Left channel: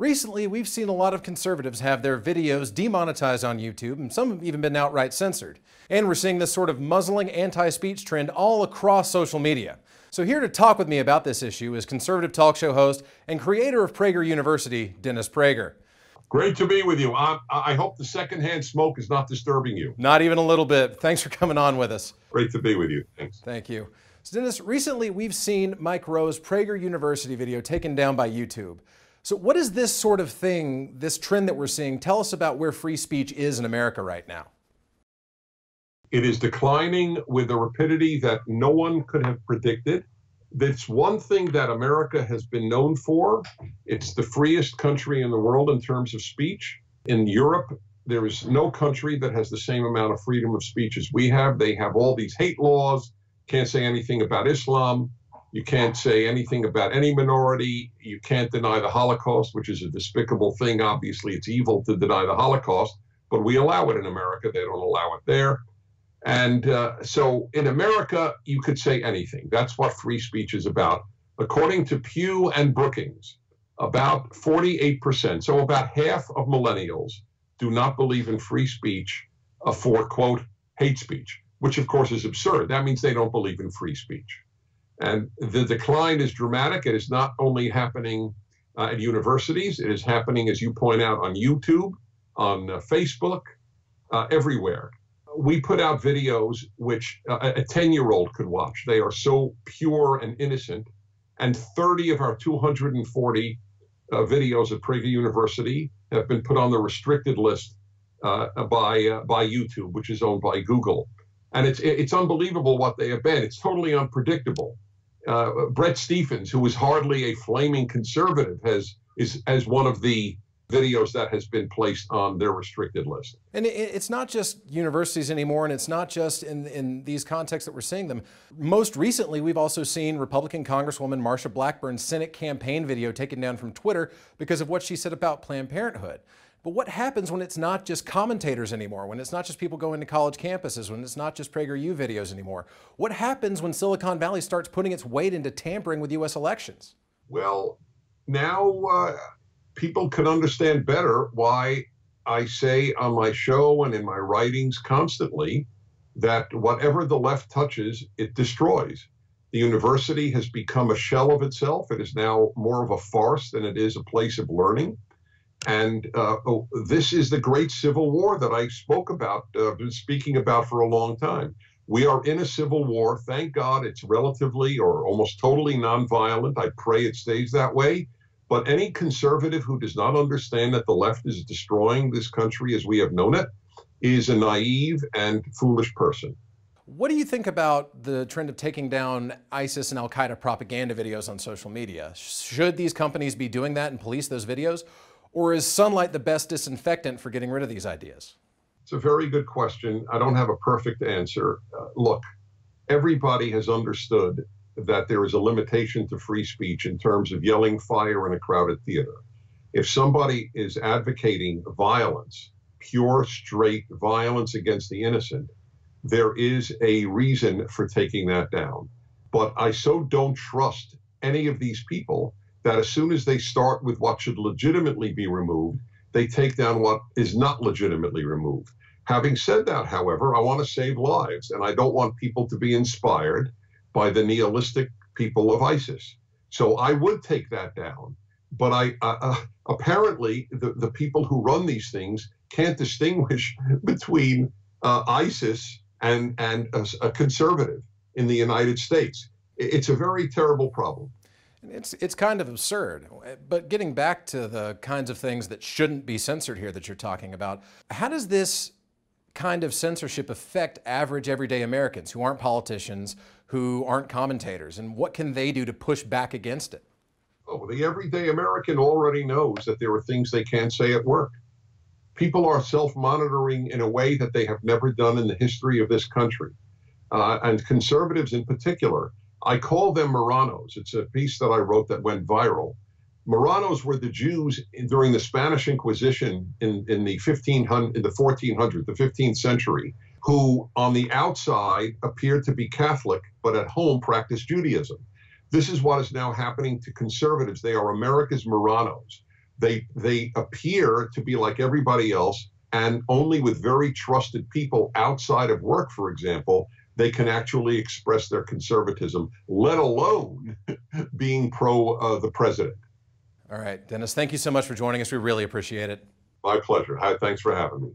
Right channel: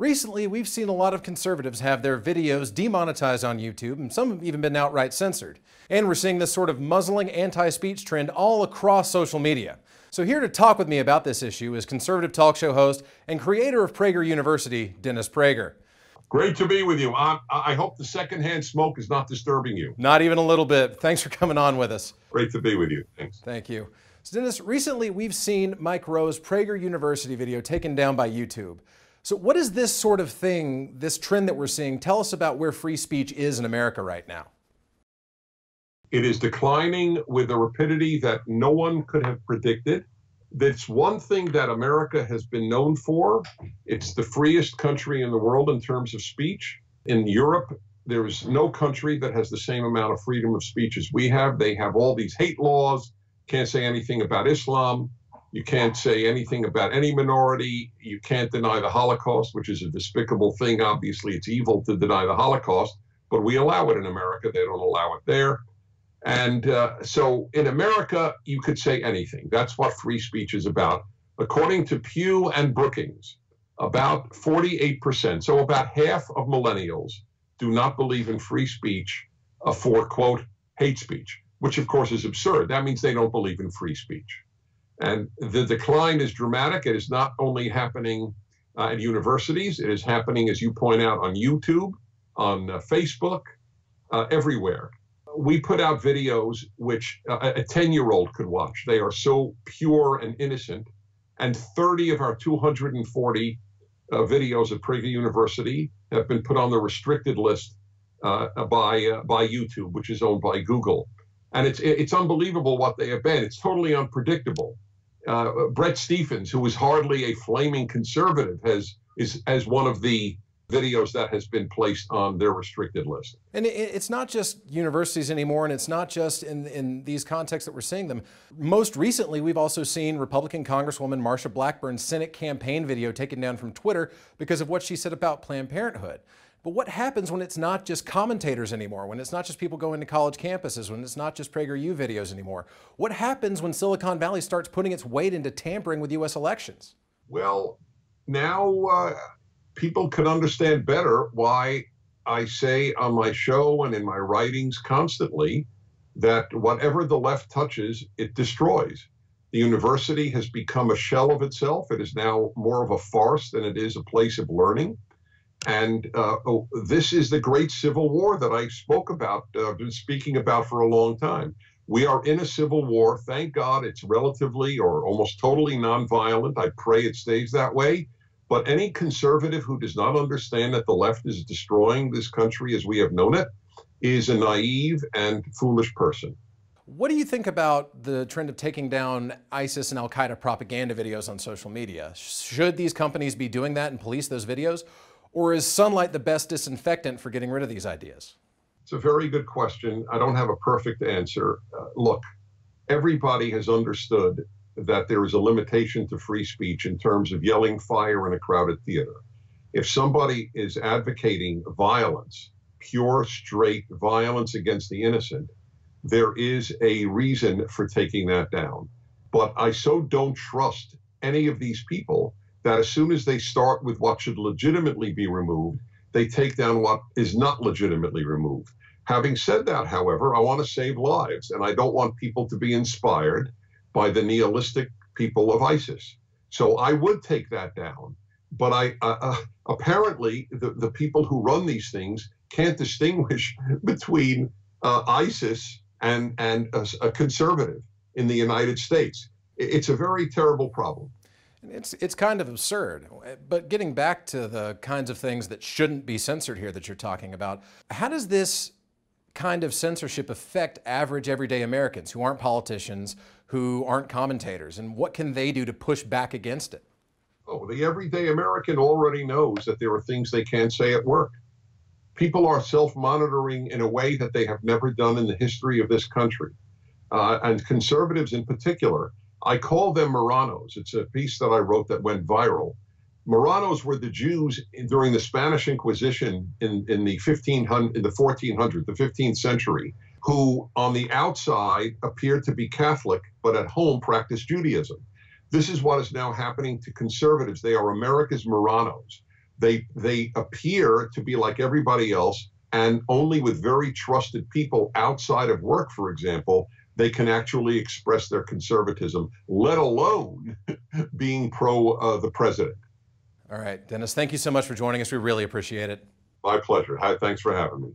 Recently, we've seen a lot of conservatives have their videos demonetized on YouTube, and some have even been outright censored. And we're seeing this sort of muzzling anti-speech trend all across social media. So here to talk with me about this issue is conservative talk show host and creator of Prager University, Dennis Prager. Great to be with you. I hope the secondhand smoke is not disturbing you. Not even a little bit. Thanks for coming on with us. Great to be with you. Thanks. Thank you. So Dennis, recently we've seen Mike Rowe's Prager University video taken down by YouTube. So what is this sort of thing, this trend that we're seeing? Tell us about where free speech is in America right now. It is declining with a rapidity that no one could have predicted. That's one thing that America has been known for. It's the freest country in the world in terms of speech. In Europe, there is no country that has the same amount of freedom of speech as we have. They have all these hate laws. Can't say anything about Islam. You can't say anything about any minority. You can't deny the Holocaust, which is a despicable thing. Obviously, it's evil to deny the Holocaust, but we allow it in America. They don't allow it there. And so in America, you could say anything. That's what free speech is about. According to Pew and Brookings, about 48%, so about half of millennials do not believe in free speech for, quote, hate speech, which of course is absurd. That means they don't believe in free speech. And the decline is dramatic. It is not only happening at universities. It is happening, as you point out, on YouTube, on Facebook, everywhere. We put out videos which a 10-year-old could watch. They are so pure and innocent. And 30 of our 240 videos at Prager University have been put on the restricted list by YouTube, which is owned by Google. And it's unbelievable what they have been. It's totally unpredictable. Brett Stephens, who is hardly a flaming conservative, is one of the videos that has been placed on their restricted list. And it's not just universities anymore, and it's not just in these contexts that we're seeing them. Most recently, we've also seen Republican Congresswoman Marsha Blackburn's Senate campaign video taken down from Twitter because of what she said about Planned Parenthood. But what happens when it's not just commentators anymore, when it's not just people going to college campuses, when it's not just PragerU videos anymore? What happens when Silicon Valley starts putting its weight into tampering with U.S. elections? Well, now people can understand better why I say on my show and in my writings constantly that whatever the left touches, it destroys. The university has become a shell of itself. It is now more of a farce than it is a place of learning. And this is the great civil war that I spoke about, been speaking about for a long time. We are in a civil war. Thank God it's relatively or almost totally nonviolent. I pray it stays that way. But any conservative who does not understand that the left is destroying this country as we have known it is a naive and foolish person. What do you think about the trend of taking down ISIS and Al-Qaeda propaganda videos on social media? Should these companies be doing that and police those videos? Or is sunlight the best disinfectant for getting rid of these ideas? It's a very good question. I don't have a perfect answer. Look, everybody has understood that there is a limitation to free speech in terms of yelling fire in a crowded theater. If somebody is advocating violence, pure, straight violence against the innocent, there is a reason for taking that down. But I so don't trust any of these people that as soon as they start with what should legitimately be removed, they take down what is not legitimately removed. Having said that, however, I want to save lives, and I don't want people to be inspired by the nihilistic people of ISIS. So I would take that down. But apparently, the people who run these things can't distinguish between ISIS and a conservative in the United States. It's a very terrible problem. It's kind of absurd, but getting back to the kinds of things that shouldn't be censored here that you're talking about, how does this kind of censorship affect average everyday Americans who aren't politicians, who aren't commentators, and what can they do to push back against it? Oh, the everyday American already knows that there are things they can't say at work. People are self-monitoring in a way that they have never done in the history of this country, and conservatives in particular. I call them Marranos. It's a piece that I wrote that went viral. Marranos were the Jews during the Spanish Inquisition in the 1400s, the 15th century, who on the outside appeared to be Catholic, but at home practiced Judaism. This is what is now happening to conservatives. They are America's Marranos. They appear to be like everybody else, and only with very trusted people outside of work, for example, they can actually express their conservatism, let alone being pro the president. All right, Dennis, thank you so much for joining us. We really appreciate it. My pleasure. Hi, thanks for having me.